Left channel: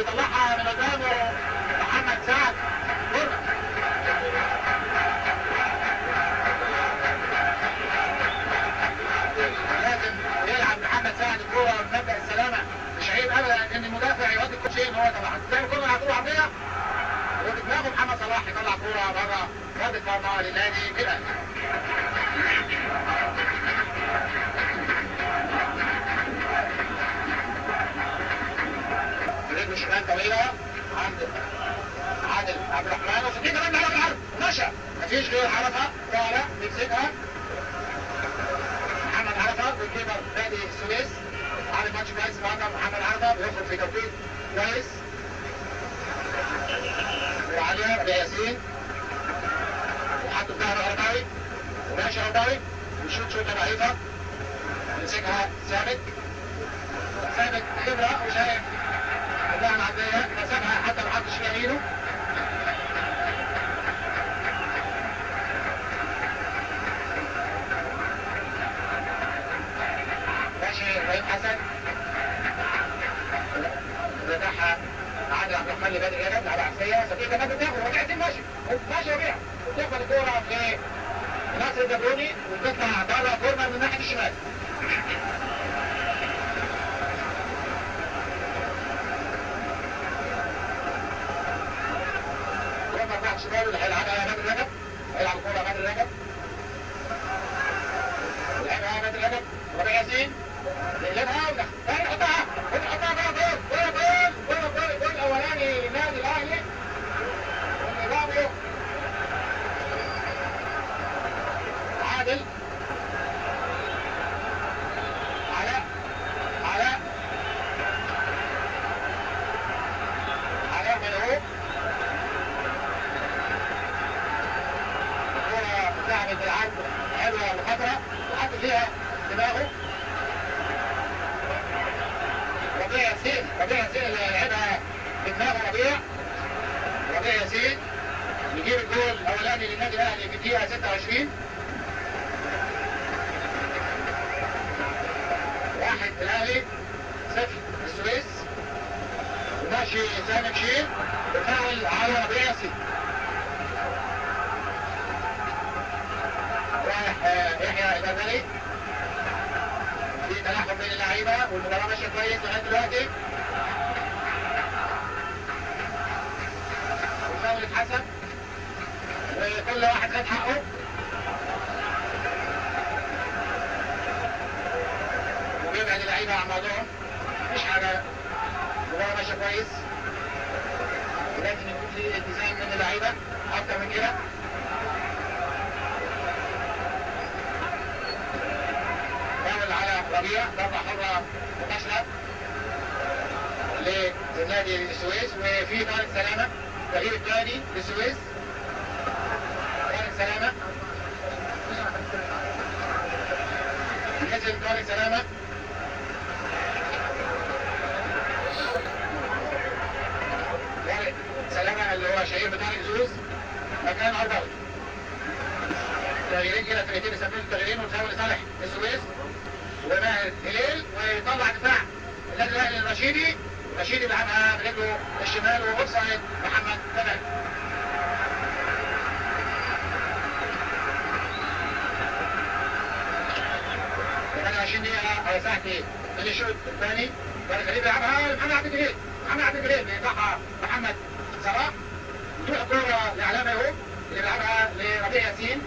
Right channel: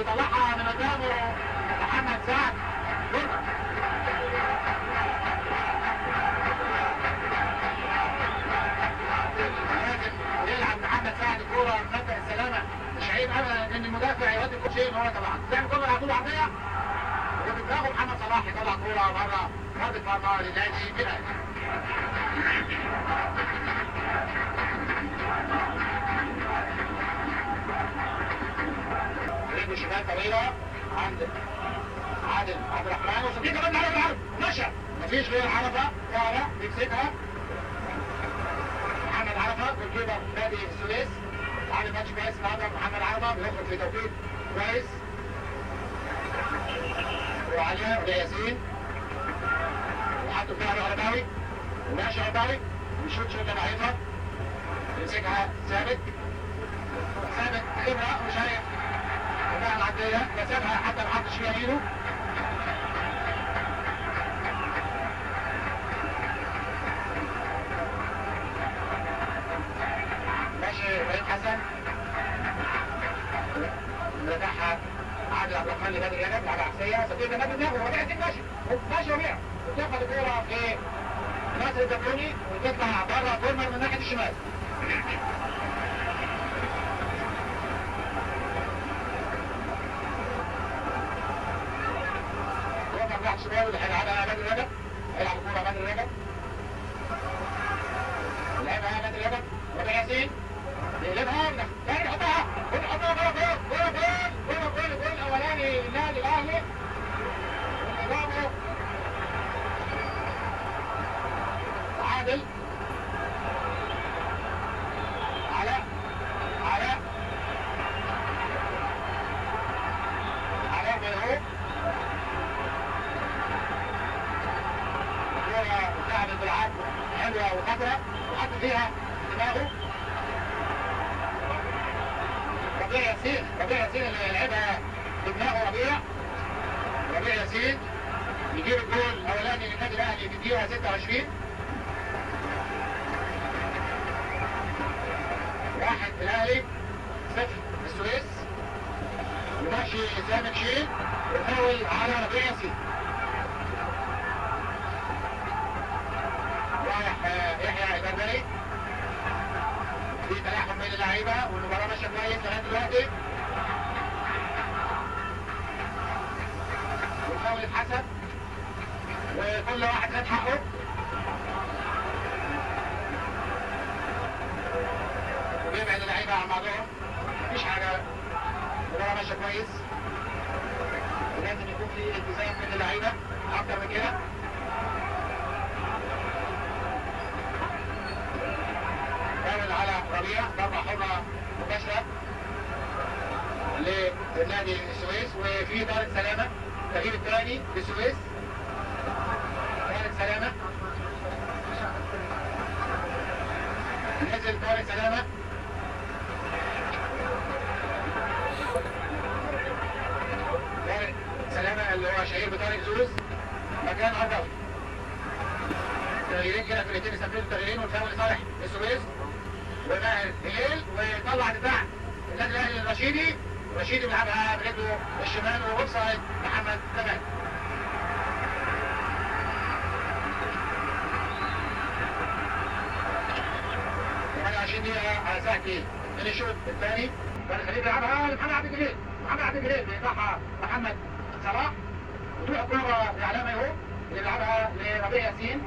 بيطلعها من قدامه محمد سعد كورنر. لازم يلعب محمد سعد الكوره ومنبه السلامه. مش عيب ابدا ان المدافع يودي كل شيء ان هو طبعا تعمل كوره على طول عرضيه وبدماغه محمد صلاح يطلع كوره بره رد فرضه للنادي الاهلي. رجل شمال طويله عند عادل عبد الرحمن وصديق كمان على العرض ومشى مفيش غير عرفه تعالى بيكسبها محمد عرفه بالكيبر نادي السويس. عامل ماتش كويس النهارده محمد عرفه بيخرج في توقيت كويس وعليه ياسين وحطه في ظهر عرباوي وماشي عرباوي ويشوط شوطه ضعيفه يمسكها ثابت خبره وشايف اللاعب العرضيه كسبها حتى ما حطش فيها يمينه. ماشي ابراهيم حسن فتحها عادل عبد الرحمن لبادئ جبل على عكسيه صديق جمال بتاخد ربيع الدين ماشي ربيع وتاخد الكوره في ناصر الجبروني وتطلع بره كورنر من ناحيه الشمال. كورنر ناحيه الشمال اللي هيلعبها بدر رجب. هيلعب الكوره بدر رجب لعبها بدر رجب ربيع ياسين يقلبها ويحطها الجول الاولاني للنادي الاهلي. برافو عادل علاء ملعوب الكرة ذهبت العرض حلوة وخطرة وحط فيها دماغه ربيع ياسين اللي لعبها بدماغه ربيع ياسين يجيب الجول الاولاني للنادي الاهلي في الدقيقه 26. واحد الاهلي 0 السويس. وماشي سامي بشير وفاول على ربيع ياسين. رايح يحيى البدري في تلاحم بين اللعيبه والمباراه ماشيه كويس لغايه دلوقتي. والفاول اتحسب وكل واحد خد حقه. بيبعد اللعيبه عن بعضهم مفيش حاجه المباراه ماشيه كويس. لازم يكون في التزام من اللعيبه اكتر من كده. فاول على ربيع ضربه حره مباشره لنادي السويس وفي طارق سلامه التغيير الثاني للسويس. طارق سلامه نزل طارق سلامه اللي هو شهير بطارق زوز مكان عرباوي. تغييرين كده فرقتين يسميهم تغييرين والفاول لصالح السويس وماهر هليل ويطلع دفاع النادي الاهلي الرشيدي. رشيدي بيلعبها برجله الشمال واوفسايد محمد تمام. كمان 20 دقيقة هيساعد فيه اللي يشوط الثاني. طارق خليل بيلعبها لمحمد عبد الجليل بيقطعها محمد صلاح وتروح الكورة لعلامة يهوب اللي بيلعبها لربيع ياسين.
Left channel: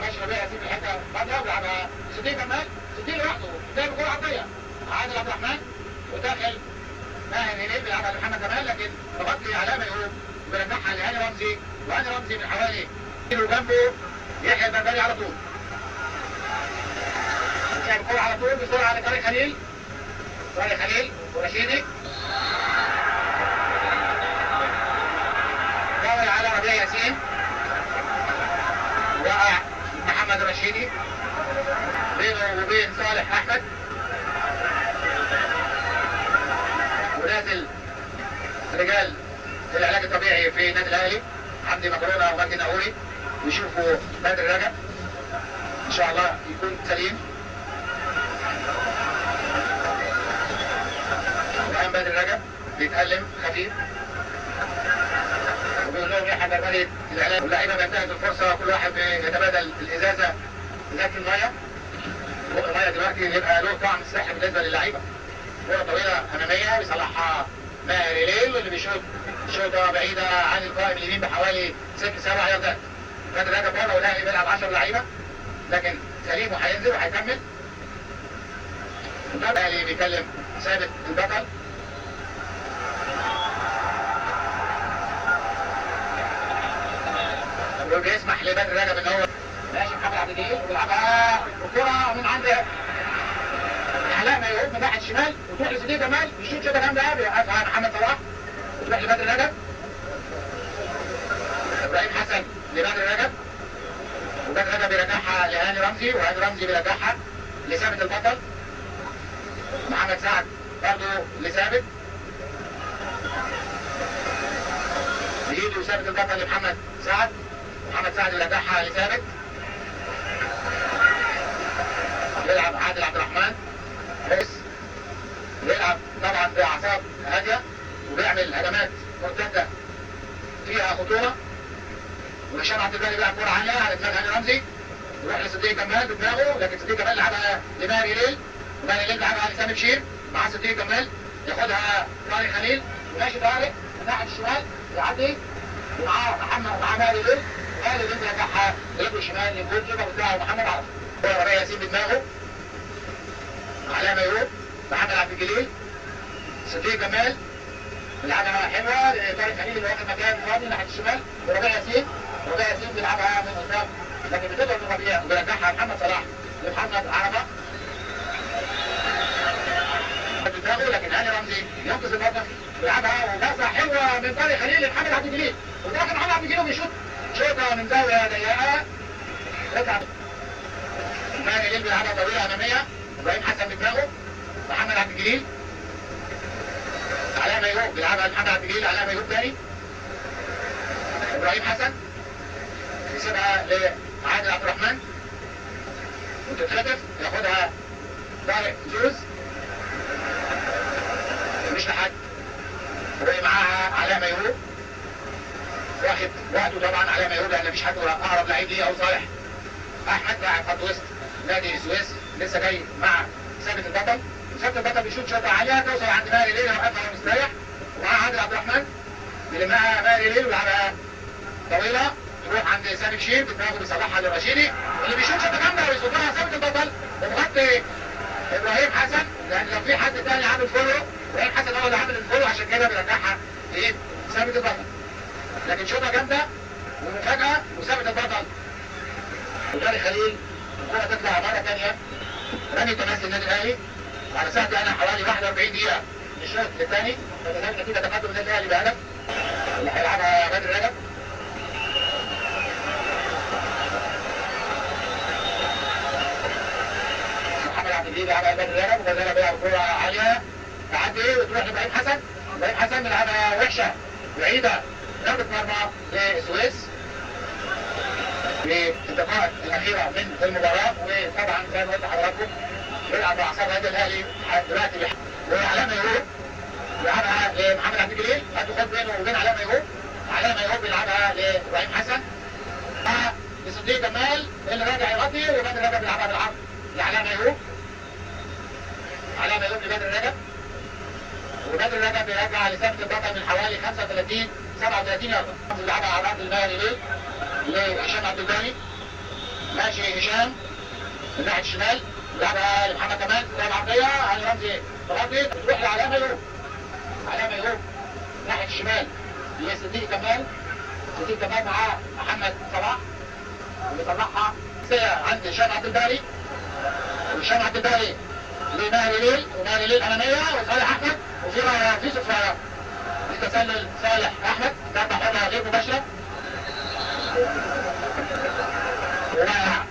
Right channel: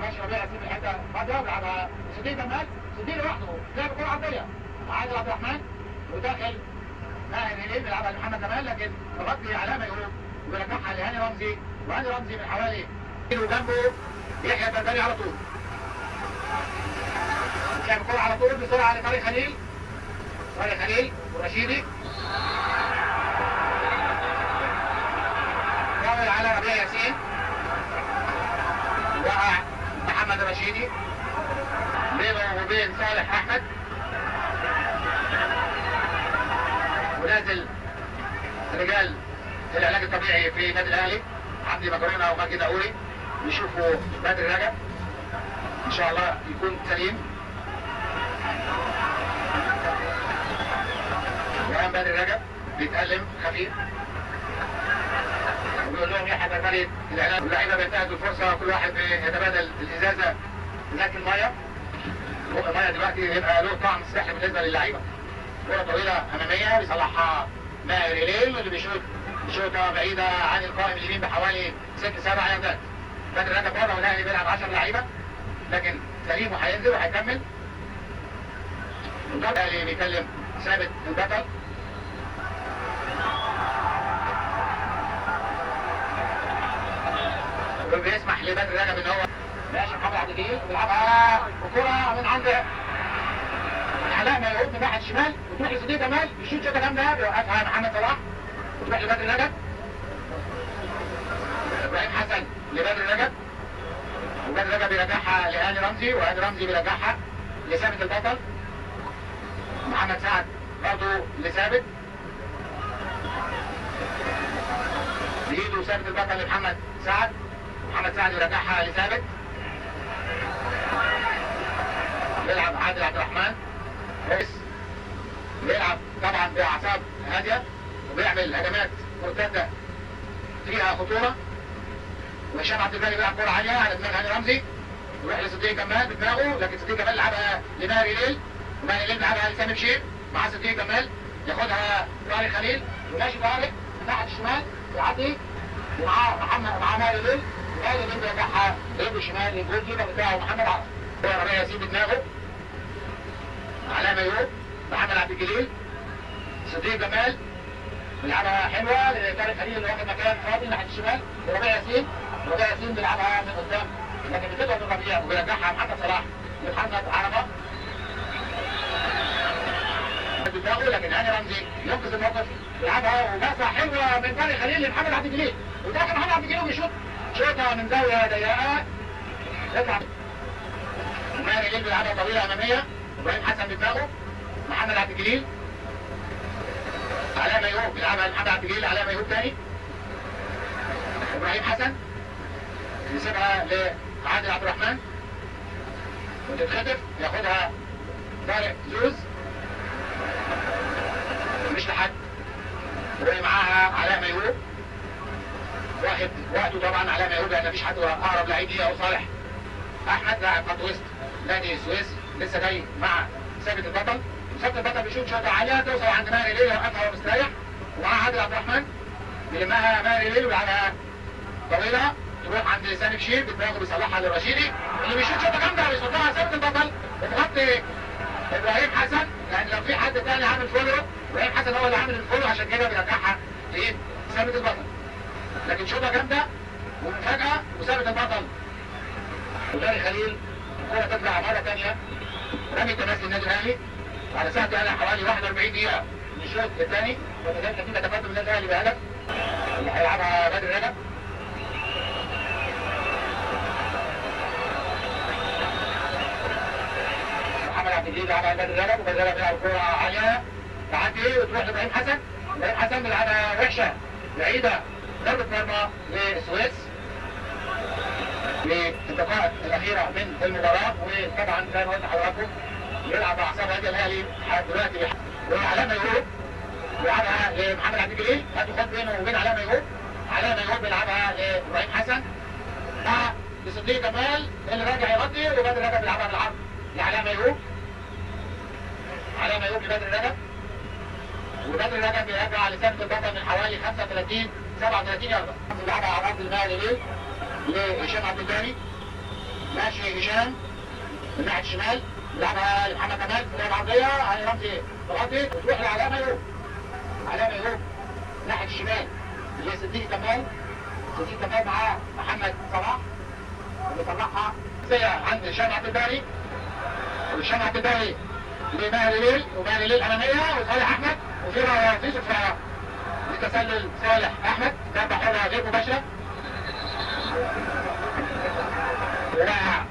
ماشي ربيع ياسين في الحتة فاضية بيلعبها لصديق جمال. صديق لوحده لعب الكورة عرضية عادل عبد الرحمن وداخل ماهر هليل بيلعبها لمحمد جمال لكن بغطي علامة يهوب بيرجعها لهاني رمزي وهاني رمزي من حوالي كيلو جنبه يحيى البربري على طول. لعب الكورة على طول بسرعة لطارق خليل ورشيدي. فاول على ربيع ياسين وقع محمد رشيدي بينه وبين صالح احمد ونازل رجال العلاج الطبيعي في النادي الاهلي عبدي مكرونه ومجدي ناقوري يشوفوا بدر رجب ان شاء الله يكون سليم. وقام بدر رجب بيتألم خفيف وبيقول لهم يا حبايب الوليد الإعلام واللعيبة بينتهز الفرصة كل واحد يتبادل الإزازة ازازة المية. المية دلوقتي يبقى له طعم سحر بالنسبة للعيبة. كرة طويلة أمامية بيصلحها ماهر إليل اللي بيشوط شوطة بعيدة عن القائم اليمين بحوالي 6-7 ياردات. بدر رجب بره والأهلي بيلعب 10 لعيبة لكن سليم وهينزل وهيكمل. الأهلي بيكلم ثابت البطل وبيسمح لبدر رجب من أول ماشي محمد عبد الجليل ويلعبها الكرة من عند علاء ميعود من ناحية الشمال وتروح لسيدي جمال الشوط شوطة جامدة بيوقفها محمد صلاح وتروح لبدر رجب. إبراهيم حسن لبدر رجب وبدر رجب بيرجعها لهاني رمزي وهاني رمزي بيرجعها لثابت البطل. محمد سعد برضه لثابت بيجي ثابت البطل لمحمد سعد. محمد سعد يرجعها لثابت يلعب عادل عبد الرحمن كويس بيلعب طبعا باعصاب هاديه وبيعمل هجمات مرتده فيها خطوره. وهشام عبد الباري بيلعب كوره عاليه على دماغ هاني رمزي يروح لصديق كمال بدماغه لكن صديق كمال لعبها لماهر ليل وماهر ليل لعبها لسامي بشير مع صديق كمال ياخدها طارق خليل ماشي طارق ناحيه الشمال يعدي ومعاه محمد مع ماهر ليل ماهر ليل يرجعها رجله شمال للجول كيبر بتاعه محمد عرب. كوره ربيع ياسين بدماغه علاء ميعود محمد عبد الجليل صديق جمال بيلعبها حلوه لطارق خليل اللي واخد مكان فاضي ناحيه الشمال وربيع ياسين بيلعبها من قدام لكن بتضرب من ربيع وبيرجعها محمد صلاح لمحمد عربه بدماغه لكن هاني رمزي ينقذ الموقف يلعبها وباصه حلوه من طارق خليل لمحمد عبد الجليل وداخل محمد عبد الجليل بيشوط شوطه من زاويه ضيقه يطلع ماهر ليل بيلعبها طويله اماميه ابراهيم حسن بدماغه محمد عبد الجليل علاء ميعود بيلعبها محمد عبد الجليل علاء ميعود تاني ابراهيم حسن يسيبها لعادل عبد الرحمن وتتخطف ياخدها طارق زوز مش لحد ومعاها علاء ميعود واخد وقته طبعا علاء ميعود لان مفيش حد اقرب لعيب ليه او صالح احمد لاعب خط وسط نادي السويس لسه جاي مع ثابت البطل. ثابت البطل بيشوط شوطه عاليه توصل عند ماهر ليل يوقفها وهو مستريح ومعاه عادل عبد الرحمن بيلمها ماهر ليل ويلعبها طويله تروح عند سامي بشير بدماغه بيصلحها للرشيدي اللي بيشوط شوطه جامده ويصدها ثابت البطل ومغطي ابراهيم حسن لان لو في حد تاني عامل فولو ابراهيم حسن هو اللي عامل الفولو عشان كده بيرجعها لايه؟ ثابت البطل. لكن شوطه جامده ومفاجاه وثابت البطل وطارق خليل الكره تطلع مره ثانيه رمي تنازل النادي الاهلي على ساعه انا حوالي 41 دقيقه من الشوط الثاني فتزال نتيجه تقدم النادي الاهلي بهدف اللي هيلعبها بدر رجب. محمد عبد الجليل بيلعبها بدر رجب وبدر رجب بيلعب كوره عاليه تعدي وتروح لابراهيم حسن. ابراهيم حسن بيلعبها وحشه بعيده ضربه مرمى للسويس في الدقائق الاخيره من المباراه. وطبعا زي ما قلت لحضراتكم بيلعب باعصاب هذا الاهلي دلوقتي وعلاء ميعود بيلعبها لمحمد عبد الجليل هتخد بينه وبين علاء ميعود. علاء ميعود بيلعبها لابراهيم حسن مع لصديق جمال اللي راجع يغطي وبدر رجب بيلعبها بالعرض لعلاء ميعود. علاء ميعود لبدر رجب وبدر رجب بيرجع لثابت البطل من حوالي 35-37 يارده بيلعبها على رأس المال ليه لهشام عبد الباري ماشي هشام من ناحيه الشمال لعبها لمحمد كمال في العرضيه هاني رمزي تغطي وتروح لعلاء ميعود. علاء ميعود ناحيه الشمال لصديق كمال. صديق كمال معاه محمد صلاح بيطلعها سريع عند هشام عبد الباري وهشام عبد الباري لماهر ليل وماهر ليل اماميه وصالح احمد وفي صفاره لتسلل صالح احمد ضربه حره غير مباشره ورايح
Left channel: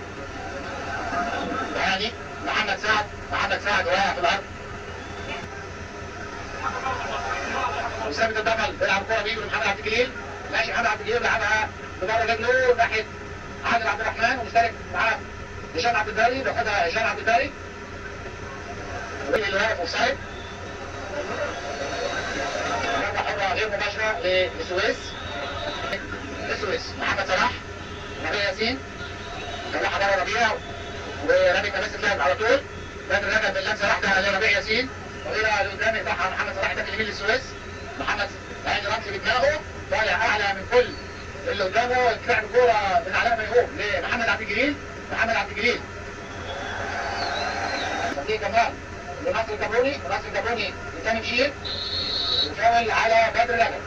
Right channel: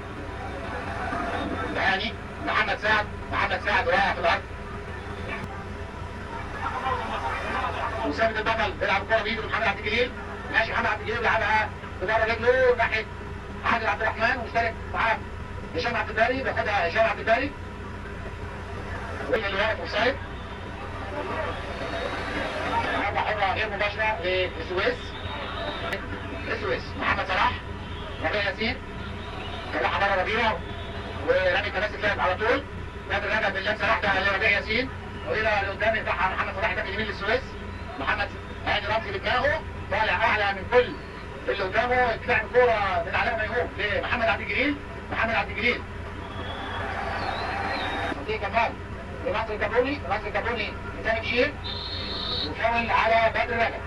ثاني محمد سعد رايح في الارض وثابت البطل بيلعب كوره بيجي محمد عبد الجليل ماشي محمد عبد الجليل لعبها بضربه رجله ناحيه عادل عبد الرحمن ومشترك معاه هشام عبد الباري بياخدها هشام عبد الباري اللي واقف اوفسايد ضربة حرة غير مباشرة للسويس. محمد صلاح، ربيع ياسين، طلعها بره ربيع ورامي تمسك لعب على طول. بدر رجع باللمسه واحده لربيع ياسين، طويله لقدام يفتحها محمد صلاح ده اليمين للسويس. محمد عيد رمزي بدماغه طالع اعلى من كل اللي قدامه، يدفع الكوره من علامه يقوم لمحمد عبد الجليل. صديق كمال لناصر الكابوني لسامي بشير، وفاول على بدر رجب.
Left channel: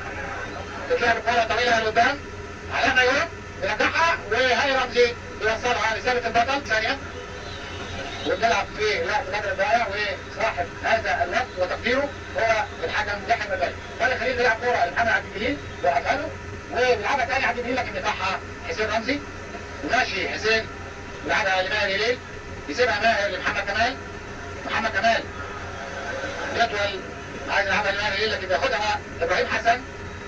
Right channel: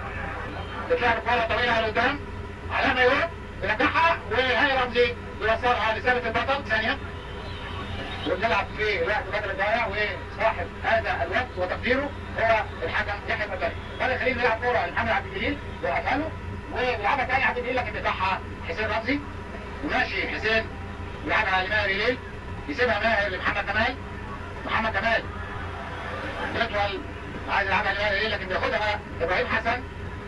تتلعب الكوره طويله لقدام، علامه يقوم يرجعها، وهي رمزي يوصلها لثابت البطل ثانيه. وبنلعب في وقت بدر الضايع، وصاحب هذا الوقت وتقديره هو الحكم يحيى المبارك. هذا خلينا نلعب كوره لمحمد عبد الجليل وأفهمه، وبيلعبها ثاني عبد الجليل لكن بيفتحها حسين رمزي. وماشي حسين بيلعبها لماهر هليل، يسيبها ماهر لمحمد كمال. محمد كمال يطول عايز يلعبها لماهر هليل لكن بياخدها ابراهيم حسن،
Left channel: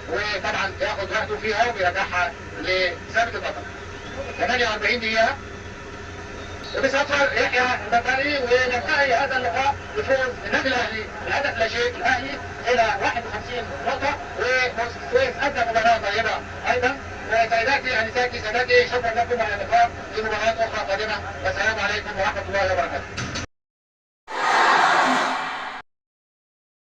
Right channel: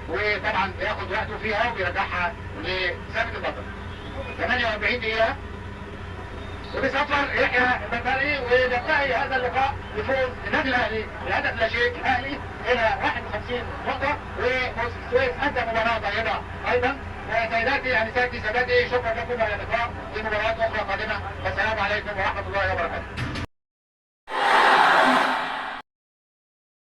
وطبعا بياخد وقته فيها وبيرجعها لثابت البطل. 48 دقيقة وبيصفر يحيى البربري، وننتهي هذا اللقاء بفوز النادي الاهلي بهدف لا شيء. الاهلي الى 51 نقطة، والسويس ادى مباراة طيبة ايضا. وسيداتي انساتي سادتي، شكرا لكم على اللقاء في مباراة اخرى قادمة، والسلام عليكم ورحمة الله وبركاته.